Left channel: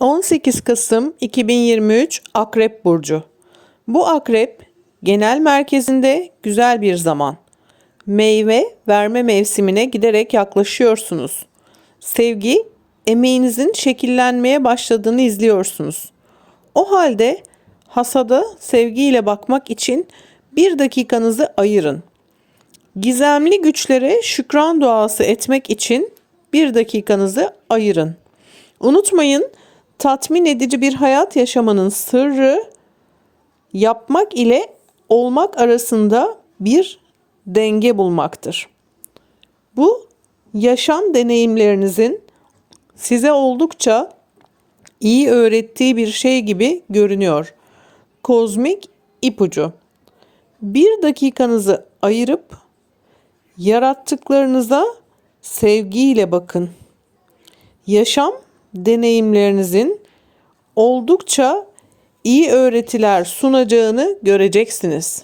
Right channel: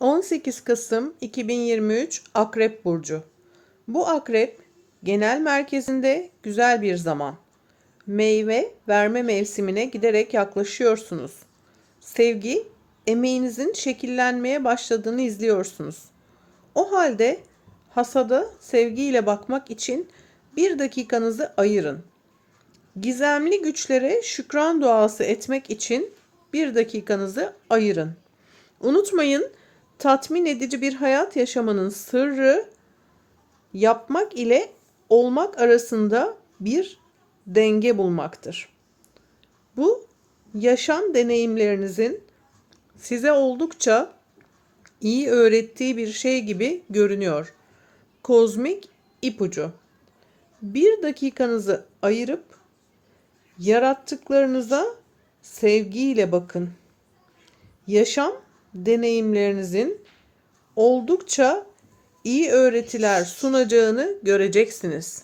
18 Kasım 2023 Akrep Burcu. Bu akrep genel merkezinde güzel bir zaman. Meyve verme mevsimine giderek yaklaşıyorsunuz. Sevgi, emeğinizin şekillenmeye başladığını izliyorsunuz. O halde hasada sevgiyle bakmak için bir dakikanızı ayırın. Gizemli güçlere şükran duası etmek için bir dakikanızı ayırın. Unutmayın, tatmin edici bir hayat yaşamanın sırrı yapmak ile olmak arasında bir denge bulmaktır. Bu yaşam deneyimlerinizin size oldukça iyi öğrettiği bir şey gibi görünüyor. Kozmik ipucu. Bir dakikanızı ayırıp yarattıklarınıza sevgiyle bakın. Yaşam deneyimlerinizin oldukça iyi öğretiler sunacağını göreceksiniz.